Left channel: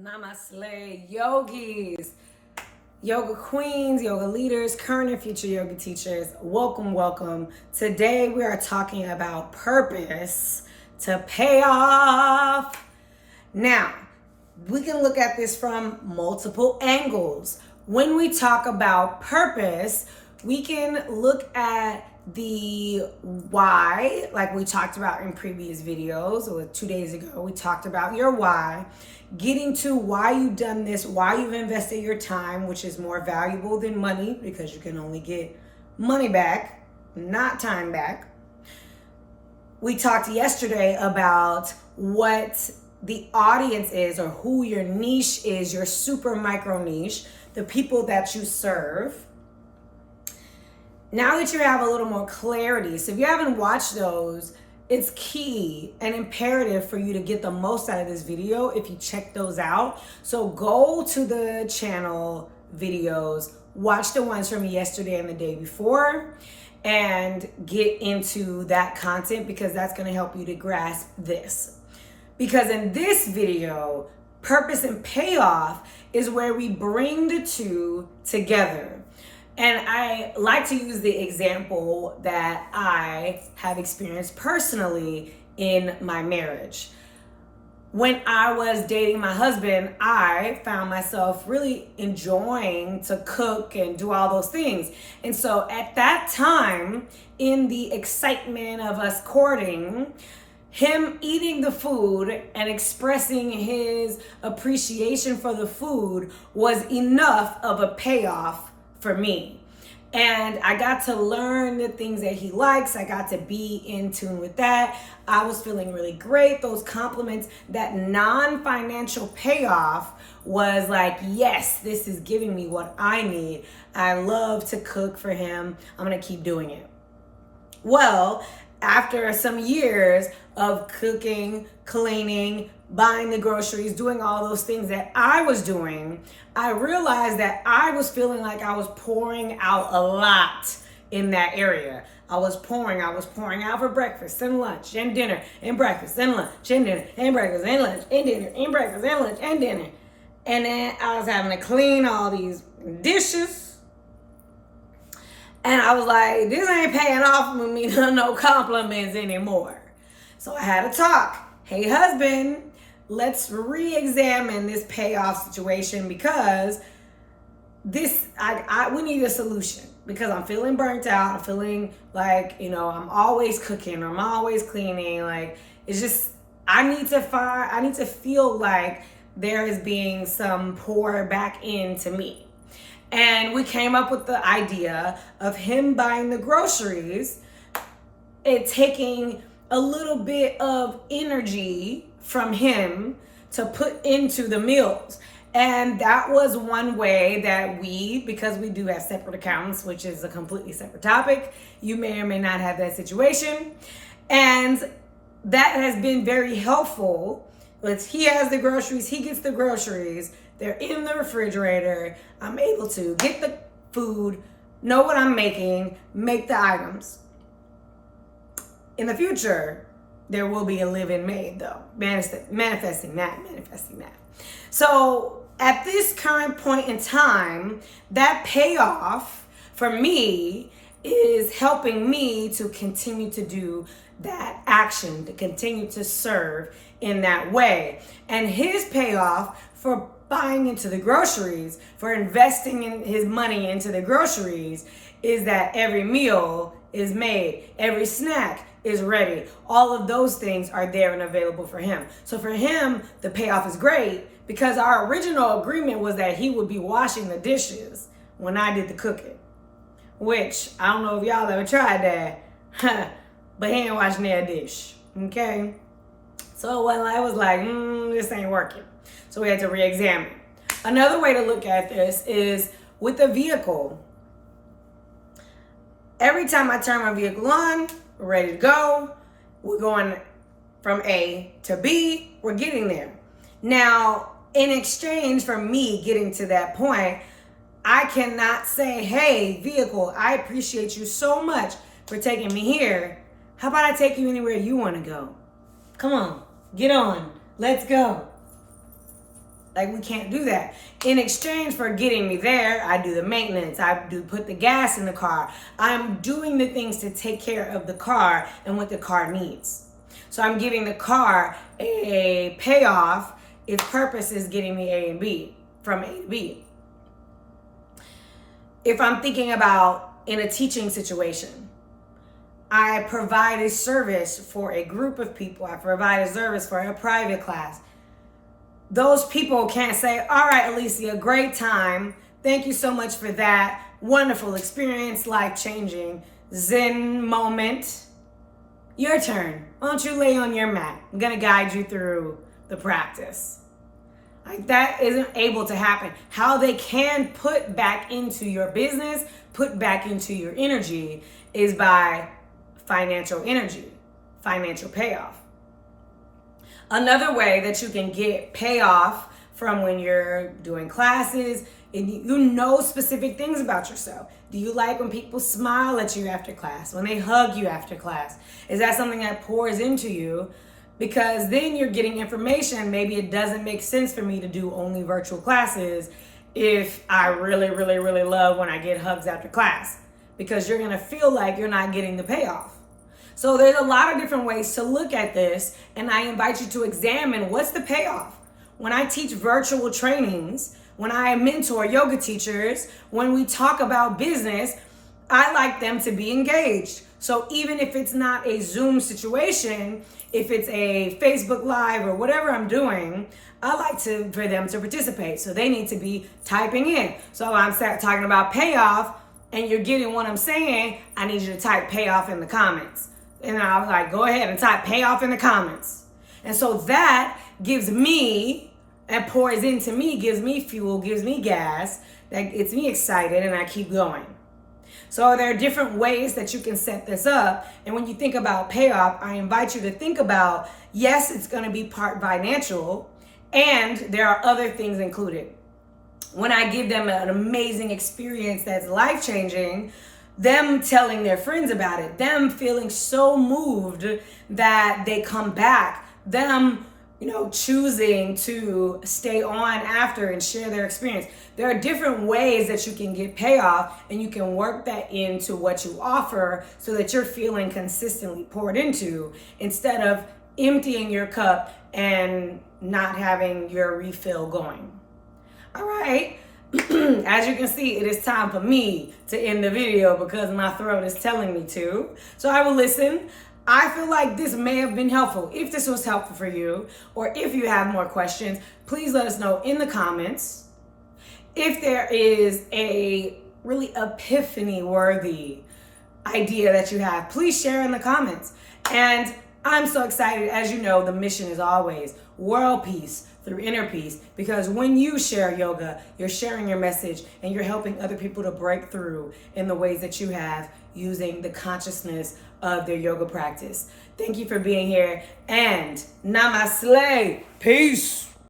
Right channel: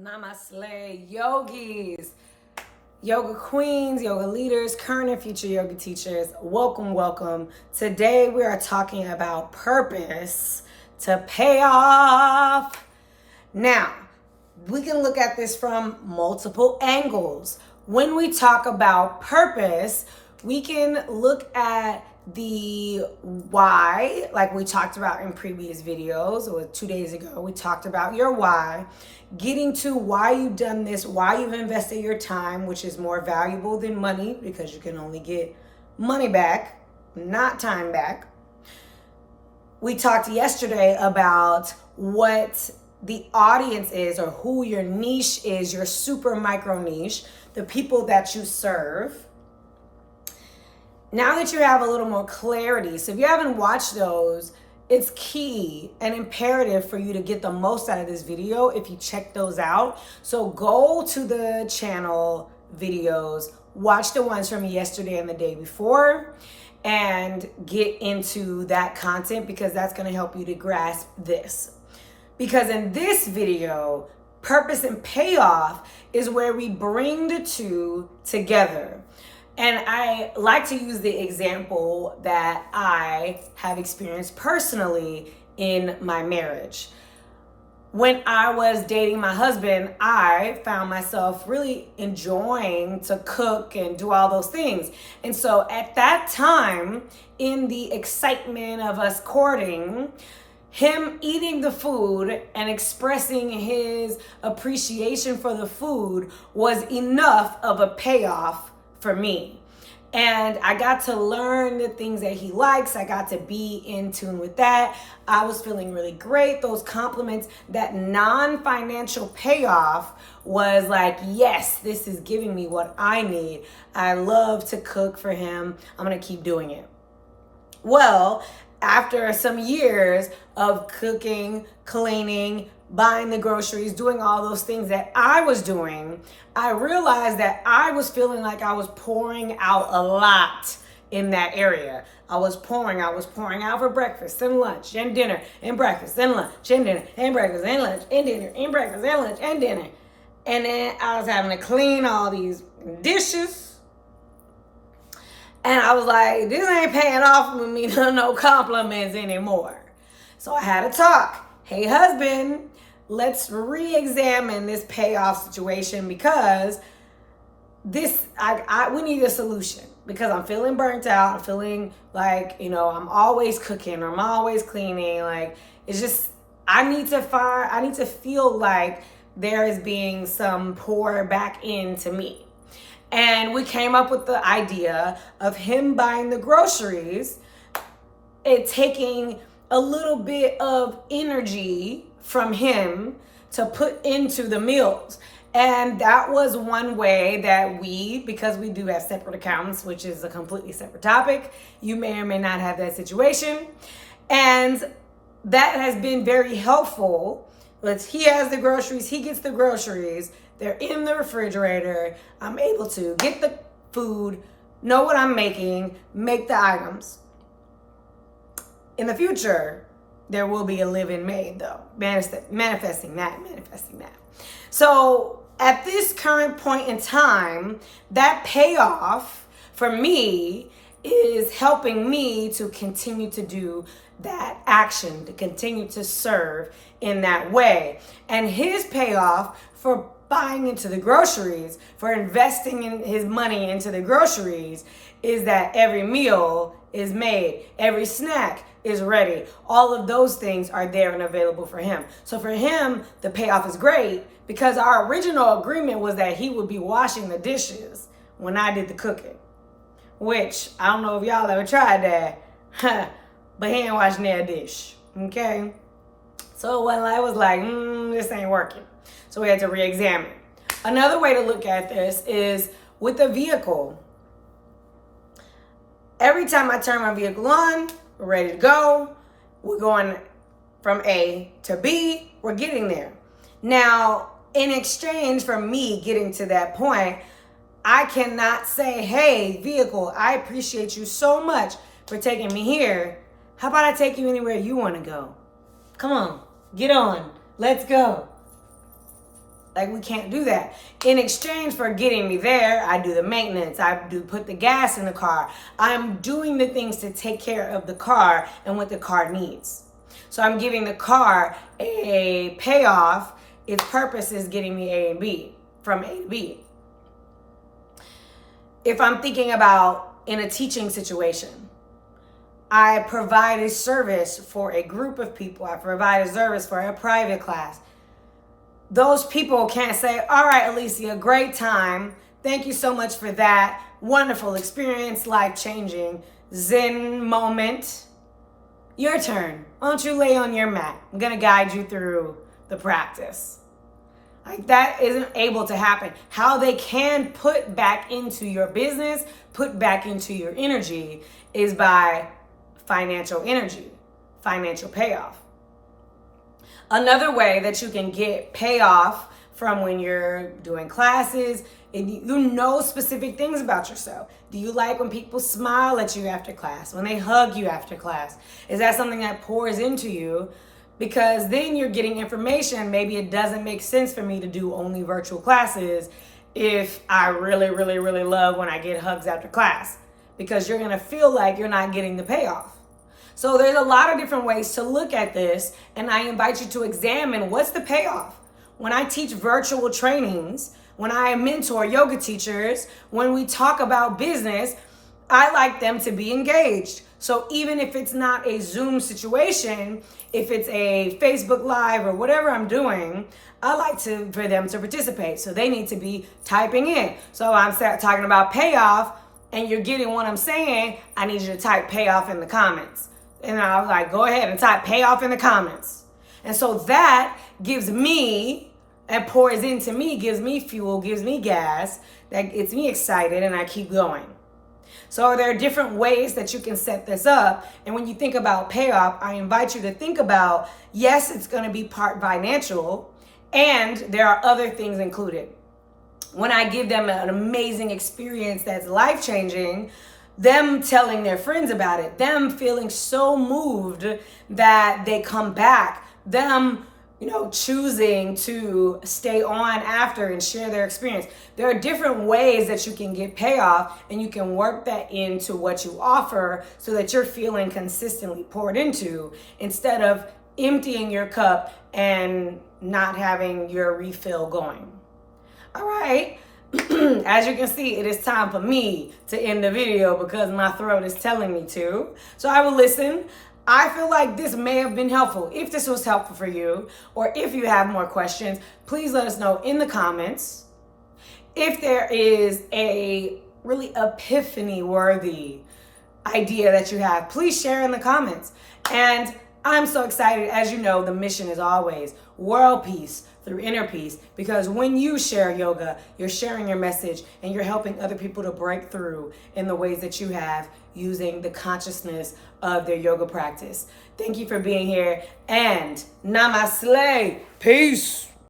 Namaste, yogis, yoga queens, yoga leaders, current and future yoga teachers. Welcome, welcome. Today we are talking about purpose to pay off. Now, we can look at this from multiple angles. When we talk about purpose, we can look at the why, like we talked about in previous videos, or 2 days ago, we talked about your why. Getting to why you've done this, why you've invested your time, which is more valuable than money because you can only get money back, not time back. We talked yesterday about what the audience is or who your niche is, your super micro niche, the people that you serve. Now that you have a little more clarity, so if you haven't watched those, it's key and imperative for you to get the most out of this video if you check those out. So go to the channel videos, watch the ones from yesterday and the day before, and get into that content because that's going to help you to grasp this. Because in this video, purpose and payoff is where we bring the two together. And I like to use the example that I have experienced personally in my marriage. When I was dating my husband, I found myself really enjoying to cook and do all those things. And so at that time, in the excitement of us courting, him eating the food and expressing his appreciation for the food was enough of a payoff for me. And I got to learn the things that he likes. I got to be in tune with that. I was feeling really great. Those compliments, that non-financial payoff was like, yes, this is giving me what I need. I love to cook for him. I'm going to keep doing it. Well, after some years of cooking, cleaning, buying the groceries, doing all those things that I was doing, I realized that I was feeling like I was pouring out a lot in that area. I was pouring out for breakfast and lunch and dinner and breakfast and lunch and dinner and breakfast and lunch and dinner and breakfast and lunch and dinner. And then I was having to clean all these dishes. And I was like, this ain't paying off with me no compliments anymore. So I had a talk. Hey, husband, let's re-examine this payoff situation because we need a solution because I'm feeling burnt out. I'm feeling like, I'm always cooking or I'm always cleaning. Like, it's just, I need to feel like there is being some pour back into me. And we came up with the idea of him buying the groceries, it taking a little bit of energy from him to put into the meals. And that was one way that because we do have separate accounts, which is a completely separate topic, you may or may not have that situation. And that has been very helpful. He has the groceries, he gets the groceries, they're in the refrigerator. I'm able to get the food, know what I'm making, make the items. In the future, there will be a live-in maid though, manifesting that. So at this current point in time, that payoff for me is helping me to continue to do that action, to continue to serve in that way. And his payoff for buying into the groceries, for investing in his money into the groceries, is that every meal is made, every snack is ready. All of those things are there and available for him. So for him, the payoff is great because our original agreement was that he would be washing the dishes when I did the cooking, which I don't know if y'all ever tried that, but he ain't washing that dish, okay? So when I was like, this ain't working. So we had to re-examine. Another way to look at this is with a vehicle. Every time I turn my vehicle on, we're ready to go. We're going from A to B. We're getting there. Now, in exchange for me getting to that point, I cannot say, hey, vehicle, I appreciate you so much for taking me here. How about I take you anywhere you want to go? Come on, get on. Let's go. Like, we can't do that. In exchange for getting me there, I do the maintenance. I do put the gas in the car. I'm doing the things to take care of the car and what the car needs. So I'm giving the car a payoff. Its purpose is getting me A and B, from A to B. If I'm thinking about in a teaching situation, I provide a service for a group of people. I provide a service for a private class. Those people can't say, all right, Alicia, great time. Thank you so much for that. Wonderful experience, life-changing, Zen moment. Your turn. Why don't you lay on your mat? I'm going to guide you through the practice. Like, that isn't able to happen. How they can put back into your business, put back into your energy, is by financial energy, financial payoff. Another way that you can get payoff from when you're doing classes, and you know specific things about yourself. Do you like when people smile at you after class, when they hug you after class? Is that something that pours into you? Because then you're getting information. Maybe it doesn't make sense for me to do only virtual classes if I really, really, really love when I get hugs after class, because you're gonna feel like you're not getting the payoff. So there's a lot of different ways to look at this, and I invite you to examine what's the payoff. When I teach virtual trainings, when I mentor yoga teachers, when we talk about business, I like them to be engaged. So even if it's not a Zoom situation, if it's a Facebook Live or whatever I'm doing, I like for them to participate. So they need to be typing in. So I'm talking about payoff, and you're getting what I'm saying. I need you to type payoff in the comments. And I was like, go ahead and type payoff in the comments. And so that gives me, and pours into me, gives me fuel, gives me gas, that gets me excited, and I keep going. So there are different ways that you can set this up. And when you think about payoff, I invite you to think about, yes, it's going to be part financial, and there are other things included. When I give them an amazing experience that's life-changing, them telling their friends about it, them feeling so moved that they come back, them, choosing to stay on after and share their experience. There are different ways that you can get payoff, and you can work that into what you offer so that you're feeling consistently poured into, instead of emptying your cup and not having your refill going. All right. As you can see, it is time for me to end the video because my throat is telling me to. So I will listen. I feel like this may have been helpful. If this was helpful for you, or if you have more questions, please let us know in the comments. If there is a really epiphany-worthy idea that you have, please share in the comments. And I'm so excited. As you know, the mission is always world peace through inner peace, because when you share yoga, you're sharing your message, and you're helping other people to break through in the ways that you have, using the consciousness of their yoga practice. Thank you for being here, and namaste. Peace.